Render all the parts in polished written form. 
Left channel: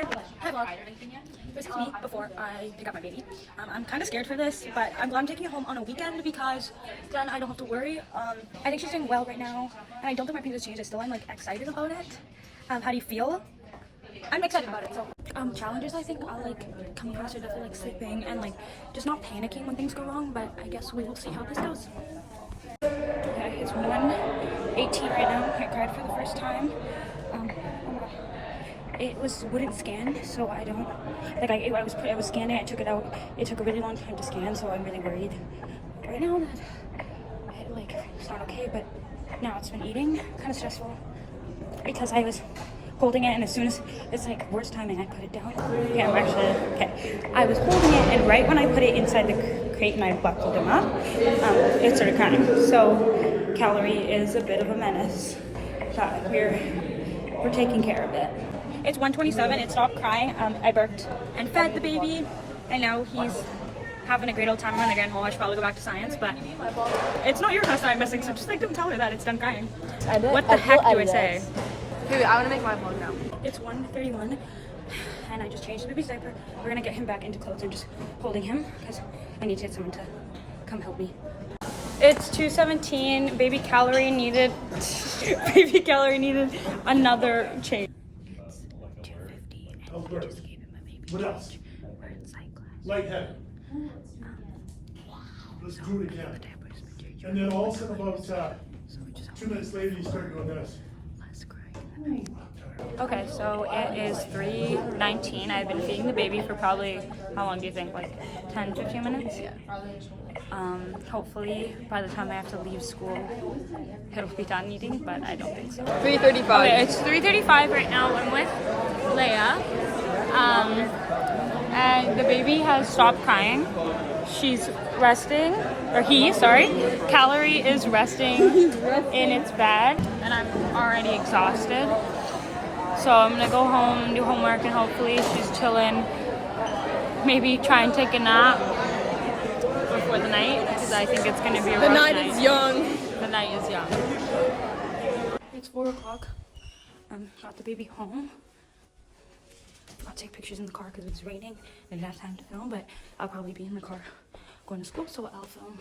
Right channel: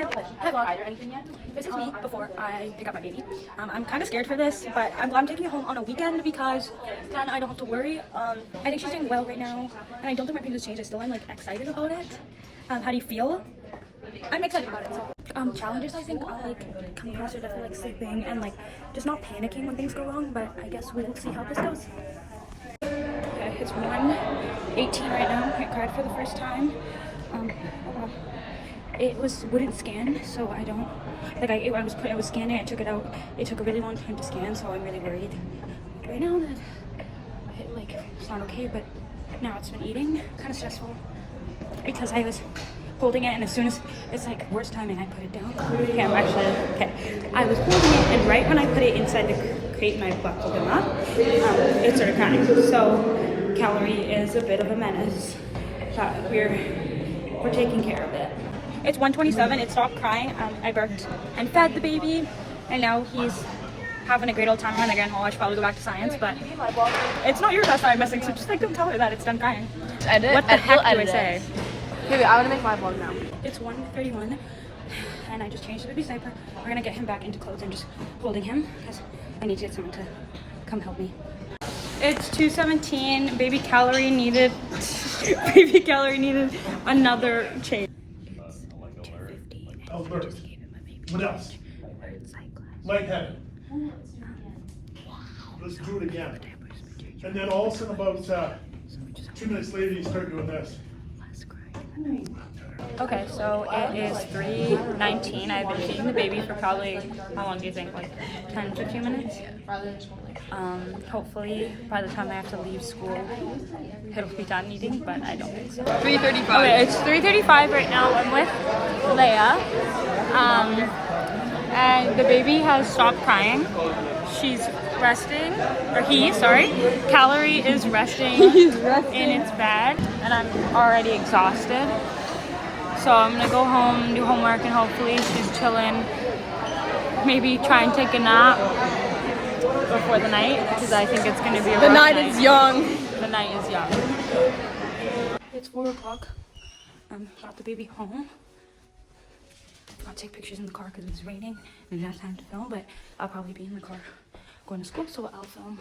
Okay, hi vlog. This is me before I pick up my baby. I'm kind of scared for this, but I'm taking it home on a weekend because then I don't have to worry. I think she's doing well right now, and I don't think my opinion has changed. Still, I'm like excited about it. How do you feel? I'm excited about it. So, challenges I think are like come closer to like sleeping and like just not panicking when things go wrong. But I guess we will see how this goes. Okay, it's 1:18 right now. I cried for the first time. It wouldn't scan, so I don't like. I was scanning. I took it out. It took a really long time to scan, so I'm really worried right now that it's not okay. But now it's been eating, kind of stressful because I was holding it, and as soon as it's like worst timing, I put it down. Okay, I was holding it, and right when I put it inside the crate and I buckled him up, it started crying. So Calorie is a bit of a menace, but we're taking care of it. It's 1:27. It stopped crying. I burped and fed the baby, and now he's having a great old time on the grand hall. I should probably go back to science, but it's not your test that I'm missing, so just like don't tell her that it's done crying. What the heck do I say? Wait, I want to make my vlog now. It's 1:31, and I just changed the baby's diaper. We're gonna get him back into clothes. I'm just holding him because I need to get someone to come help me. It's 2:17. Baby Calorie needed another change. What else? Lightheaded. Let's do it again. And then all of a sudden about 2 minutes later you start doing this. Okay, so it is 3:19. I've been feeding the baby for probably, how long do you think? Like 10, 15 minutes? Hopefully by the time I have to leave school, it'll be done eating, but I don't think so. 3:35. Okay, it's 3:35 right now. I'm with Leia. And the baby has stopped crying. She's resting, Calorie is resting in its bed, and I'm already exhausted. So I'm gonna go home, do homework, and hopefully she's chilling. Maybe try and take a nap before the night, because I think it's gonna be a rough night. The night is young. The night is young. It's 4 o'clock. Got the baby home. I'll take pictures in the car because it's raining and I don't have time to film, but I'll probably be in the car going to school, so I'll film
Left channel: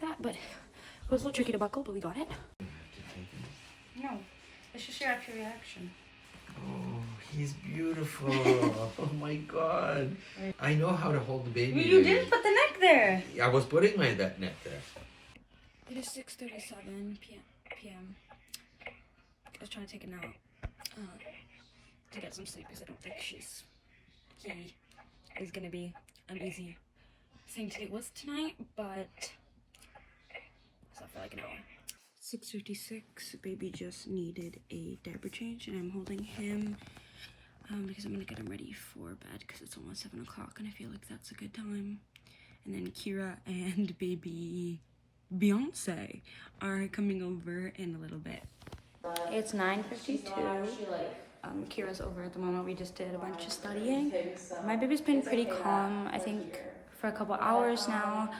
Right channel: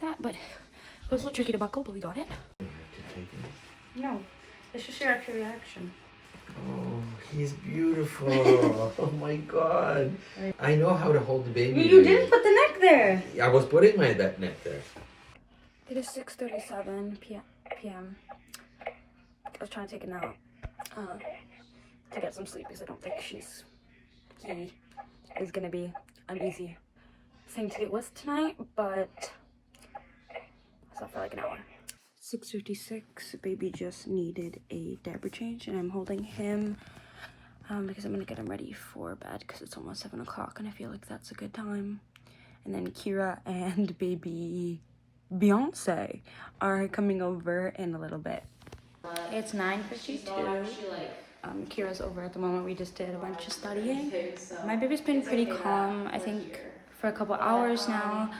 that. But it was a little tricky to buckle, but we got it. No, it's just your actual reaction. Oh, he's beautiful. Oh my god. I know how to hold the baby. You didn't put the neck there. I was putting my neck there. It is 6:37 p.m. I was trying to take a nap to get some sleep because I don't think he is going to be an easy thing to deal with tonight, but I slept for like an hour. 6:56, baby just needed a diaper change, and I'm holding him because I'm gonna get him ready for bed because it's almost 7 o'clock and I feel like that's a good time. And then Kira and baby Beyonce are coming over in a little bit. It's 9:52. Kira's over at the moment. We just did a bunch of studying. My baby's been pretty calm, I think, for a couple hours now.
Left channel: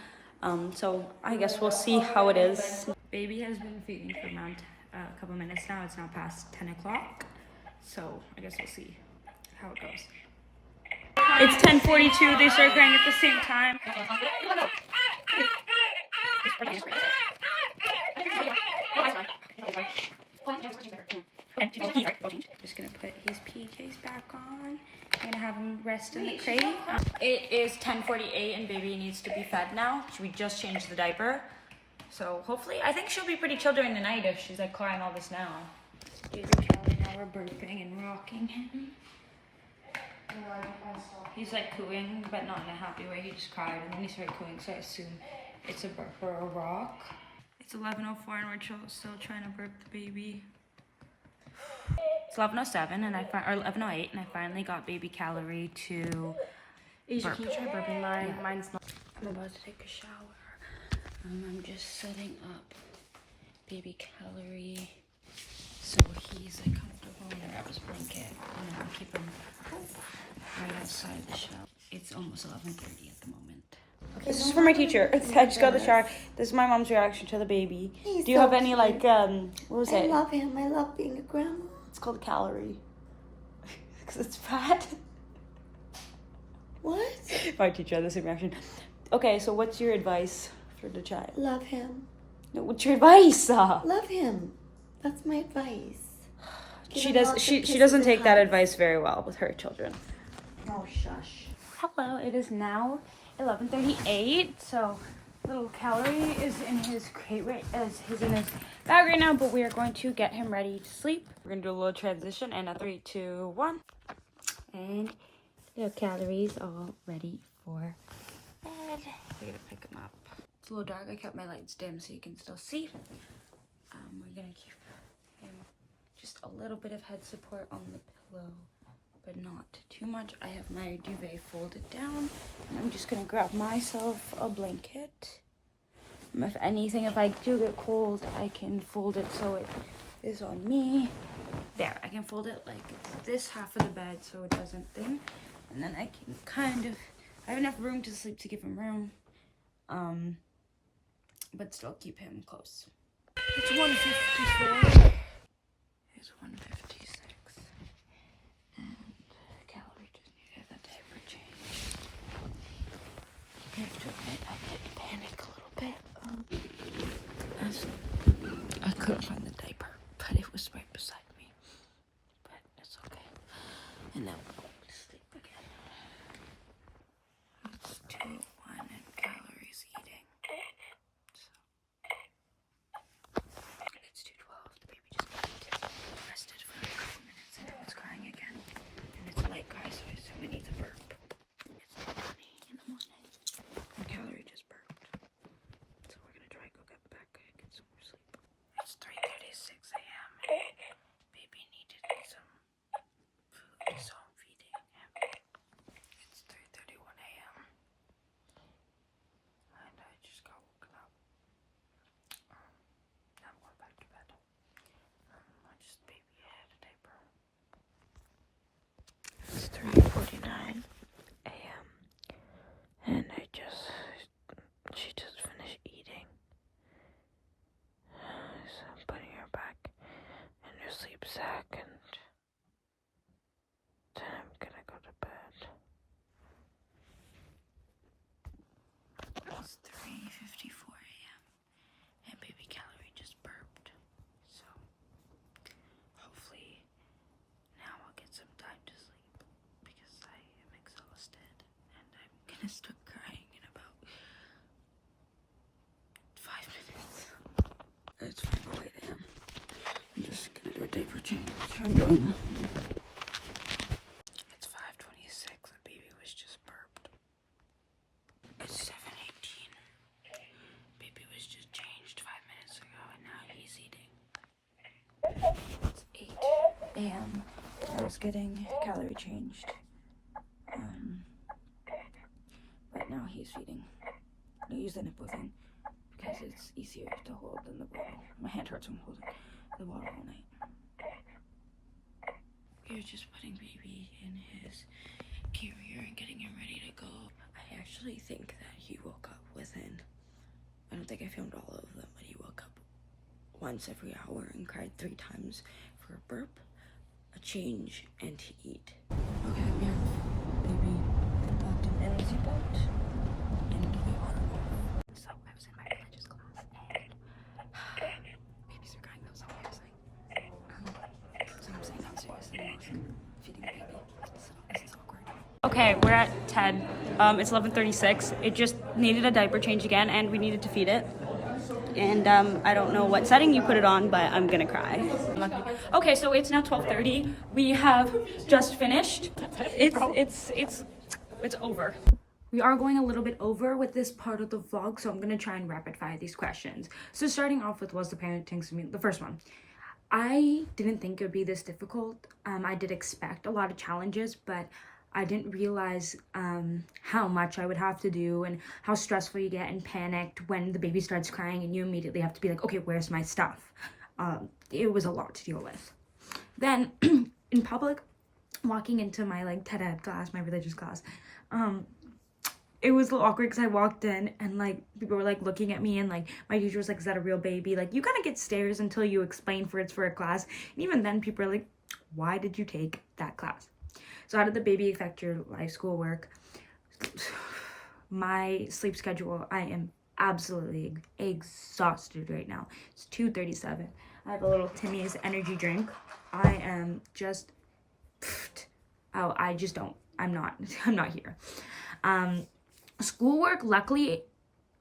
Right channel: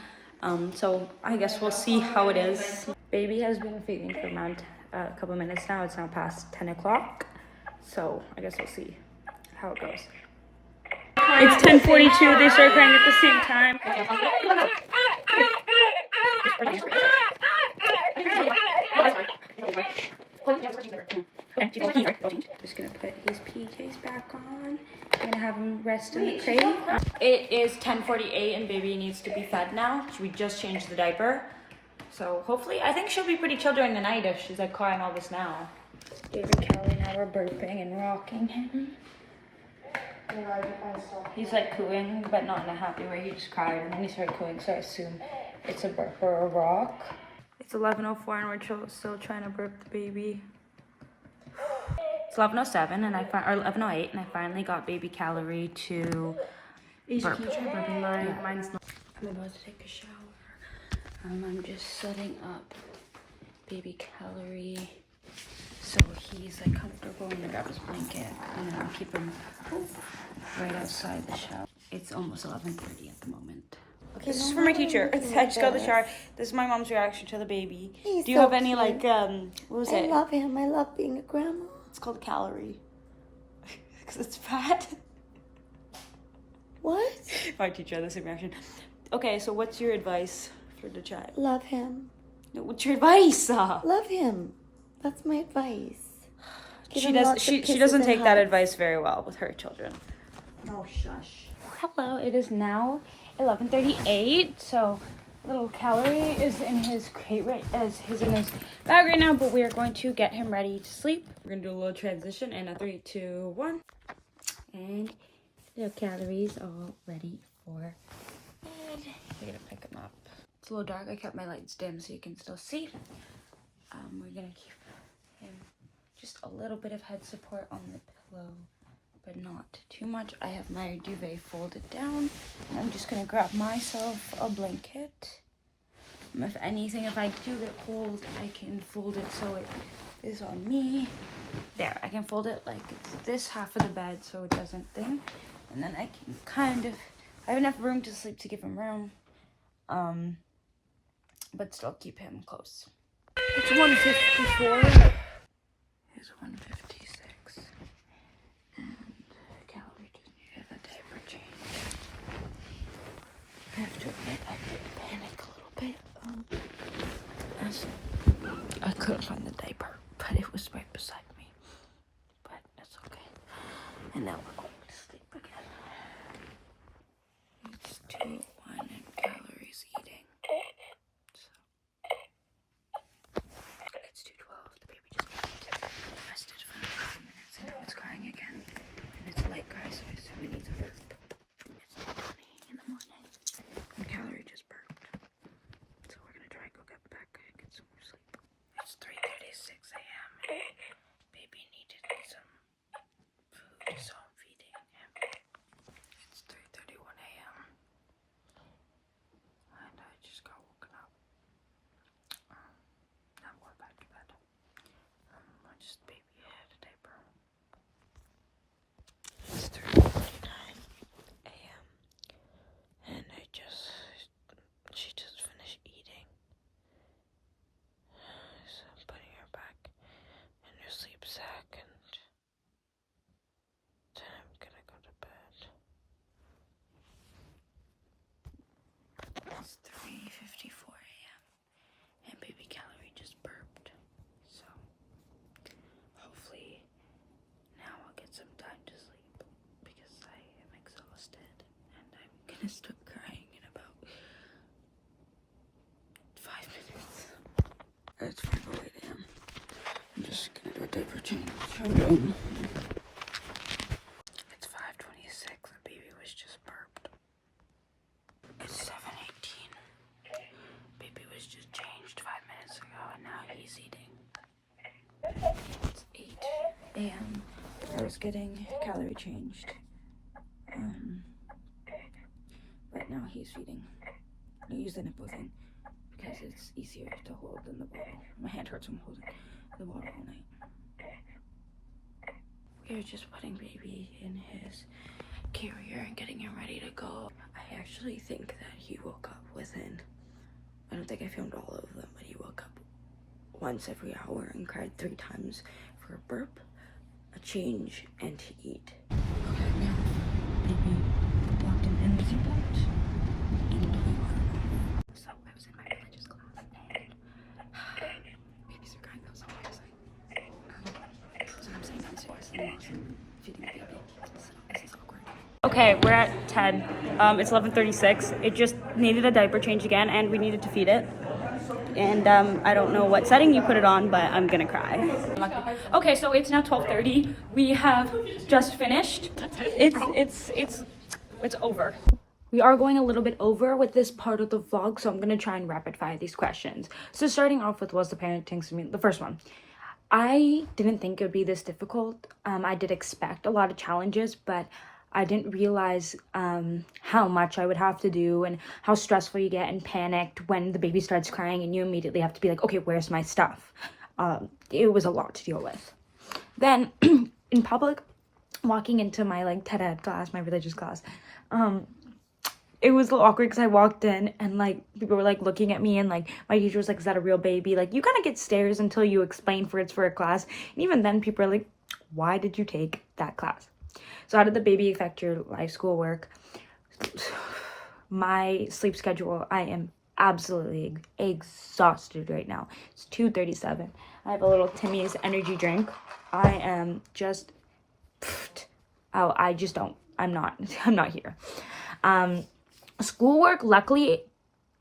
So I guess we'll see how it is. Baby has been feeding for around a couple minutes now. It's now past 10 o'clock. So I guess we'll see how it goes. It's 10:42. They start crying at the same time. Just gonna put his PJs back on. I'm gonna have him rest in the crate. It is 10:48 and baby needs to be fed now. We just changed the diaper. So hopefully, I think she'll be pretty chill during the night if she's like crying all this now. Baby Kelly, now we're burping and rocking him. He's like cooing, but not in a happy way. He just cried and then he started cooing, so I assume it's a burp or a rock. It's 11:04 and we're still trying to burp the baby. It's 11:07 and or 11:08 and I finally got baby Calorie to burp. Mine's not. I'm about to take a shower. I'm just setting up baby Calorie so he's like comfortable. I'm gonna grab his blanket and then keep him right outside the shower. It's almost 11:30 at the moment. This is for my teacher. I just got the shower. This is my mom's reaction to the baby. Do you have any like what was it? I love him. I love being a grandma. It's called Calorie. because it's fat. What? My teacher had the same reaction. Okay, so what's your advice for the child? Love him. No, what's your advice? Love him. That's my advice. She doesn't take that advice very well with her children. Oh, shush. Hello, it is now 11:38. So little Calorie is in his crate he's in his bag right now, but we are going to get him ready to sleep. We're gonna do a little transition and a 3, 2, 1. And the Calorie's all ready for bed. We're gonna pick him up. It's a little dark. I kept my lights dim so you can still see. We're gonna keep him just a little bit of head support on the pillow, but not too much. I have my duvet folded down, and I'm just gonna grab myself a blanket. If anything, if I do get cold, I can fold it so it is on me. There, I can fold it like this half of the bed so it doesn't thing. And then I can I have enough room to sleep to give him room. But still keep him close. It's 1:54. It's 1:56. And Calorie just needed a diaper change. I have to admit, I did panic a little bit. As I couldn't find the diaper, but it was right beside me. But that's okay. And now we're going to sleep again. It's 2:01 and Calorie's eating. So it's 2:12. The baby just got rested for a couple minutes and now it's crying again. And it's a light cry, so I assume it needs a burp. It's 2:20 in the morning. And Calorie just burped. So we're gonna try and go get some more sleep. It's 3:36 a.m. Baby needed some food, so I'm feeding him. It's 3:31 a.m. and I just got woken up. I'm going back to bed. Baby had a diaper. It's 3:49 a.m. and she just finished eating. So I'm putting her back in her sleep sack and then I'm gonna go to bed. It's 3:54 a.m. and baby Calorie just burped. So hopefully now I'll get some time to sleep because I am exhausted and I'm gonna start crying in about 5 minutes. It's 5:08 a.m. I'm just gonna do a diaper change. It's 5:26. The baby was just burped. It's 7:18. Baby was just changed 5 minutes ago and now he's eating. It's 8 a.m. I was getting Calorie changed. Right now he's feeding. I use the nipple thing because it's easier to hold than the bottle. My hand hurts when holding the bottle all night. We're just putting baby in his carrier and getting him ready to go. I actually think that he woke up I don't think I filmed all of them, but he woke up once every hour and cried 3 times for a burp, a change, and to eat. Okay, we have baby locked in the seatbelt and we are off. So I was in my religious class and babies are crying so obviously. So I'm sitting downstairs and I'm feeding the baby. So this is awkward. Okay, we're at TED. It's 11:36. It just needed a diaper change again and we needed to feed it. And I don't know what setting you put it on, but I'm gonna cry. Okay, so it's now 12:30. We have just finished. It's over. We are going a little bit over with this part of the vlog, so I'm gonna try and rapid fire these questions. So starting off with, was the parenting the first one? I didn't think it would be this difficult. I did expect a lot of challenges, but I didn't realize how much I would have to do and how stressful you get and panicked when the baby starts crying and you immediately have to be like, okay, where's my stuff? It was a lot to deal with. Then in public, walking into my TED Ed class, my religious class, it was a little awkward because I walked in and people were looking at me and my teacher was like, is that a real baby? You kind of get stares until you explain it's for a class. And even then people are like, why did you take that class? So how did the baby affect your life, schoolwork? My sleep schedule, I am absolutely exhausted right now. It's 2:37. I have a little Timmy's energy drink. I am just, oh, I just don't, I'm not here. Schoolwork, luckily,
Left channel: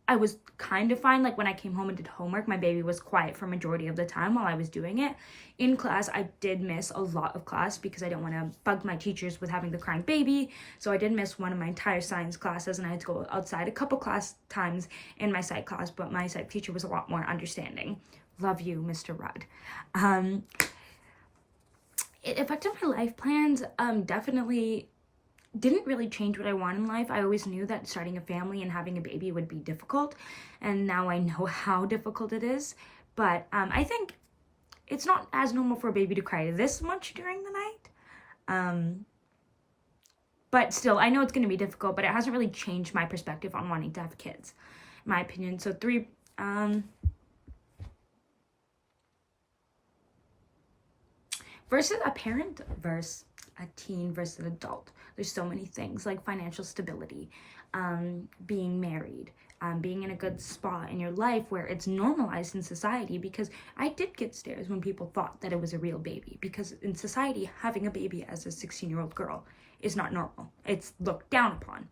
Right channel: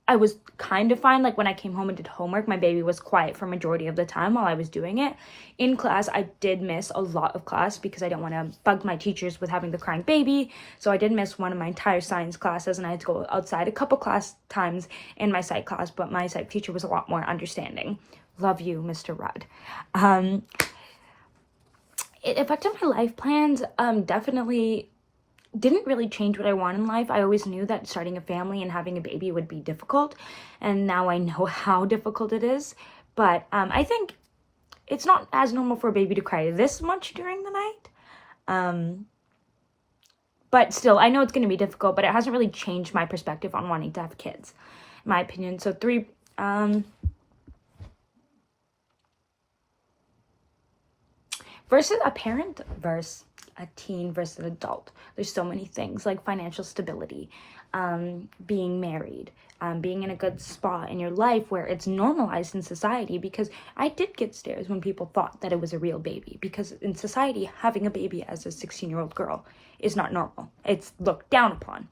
I was kind of fine. Like when I came home and did homework, my baby was quiet for majority of the time while I was doing it. In class, I did miss a lot of class because I don't want to bug my teachers with having the crying baby. So I did miss one of my entire science classes, and I had to go outside a couple class times in my psych class, but my psych teacher was a lot more understanding. Love you, Mr. Rudd. It affected my life plans. Definitely didn't really change what I want in life. I always knew that starting a family and having a baby would be difficult, and now I know how difficult it is. But I think it's not as normal for a baby to cry this much during the night. But still, I know it's going to be difficult, but it hasn't really changed my perspective on wanting to have kids, in my opinion. So versus a parent versus a teen versus an adult. There's so many things like financial stability, being married, being in a good spot in your life where it's normalized in society, because I did get stares when people thought that it was a real baby, because in society, having a baby as a 16-year-old girl is not normal. It's looked down upon.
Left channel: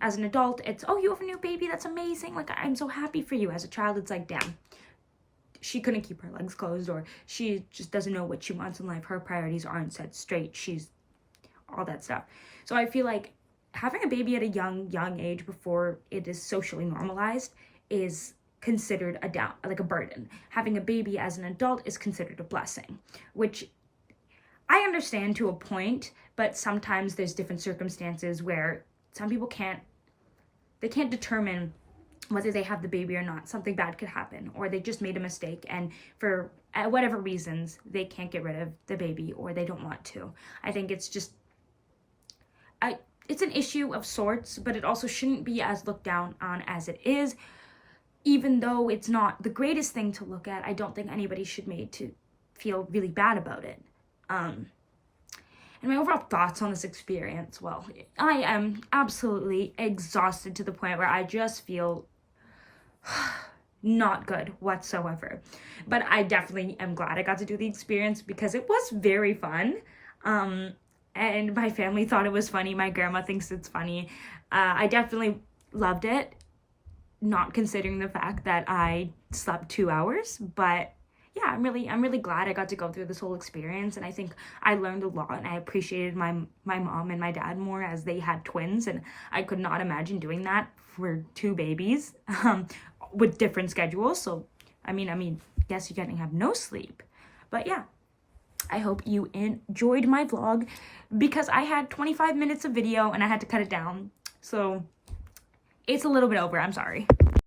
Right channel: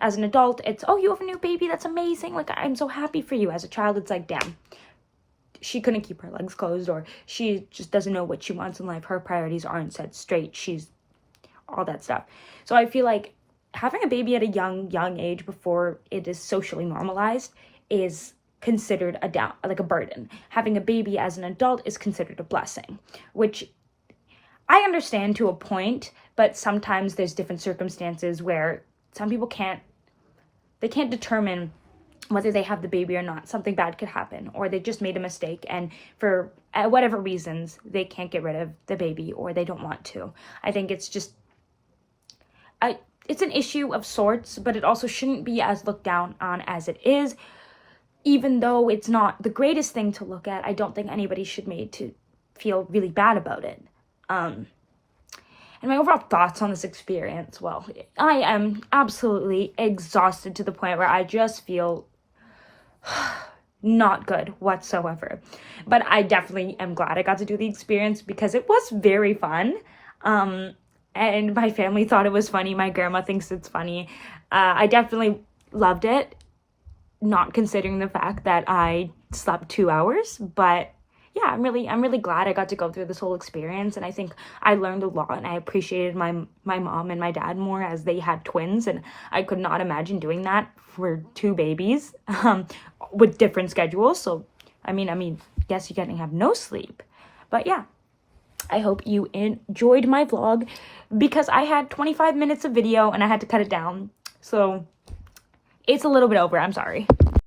As an adult, it's, oh, you have a new baby, that's amazing, like, I'm so happy for you. As a child, it's like, damn, she couldn't keep her legs closed, or she just doesn't know what she wants in life. Her priorities aren't set straight. She's all that stuff. So I feel like having a baby at a young age before it is socially normalized is considered a burden. Having a baby as an adult is considered a blessing, which I understand to a point, but sometimes there's different circumstances where some people can't determine whether they have the baby or not. Something bad could happen, or they just made a mistake, and for whatever reasons, they can't get rid of the baby, or they don't want to. I think it's just, it's an issue of sorts, but it also shouldn't be as looked down on as it is. Even though it's not the greatest thing to look at, I don't think anybody should be made to feel really bad about it. And my overall thoughts on this experience, well, I am absolutely exhausted to the point where I just feel not good whatsoever. But I definitely am glad I got to do the experience because it was very fun. And my family thought it was funny. My grandma thinks it's funny. I definitely loved it, not considering the fact that I slept 2 hours. But yeah, I'm really glad I got to go through this whole experience, and I think I learned a lot, and I appreciated my mom and my dad more, as they had twins, and I could not imagine doing that for 2 babies with different schedules. So I mean guess you can have no sleep. But yeah, I hope you enjoyed my vlog, because I had 25 minutes of video and I had to cut it down, so it's a little bit over. I'm sorry.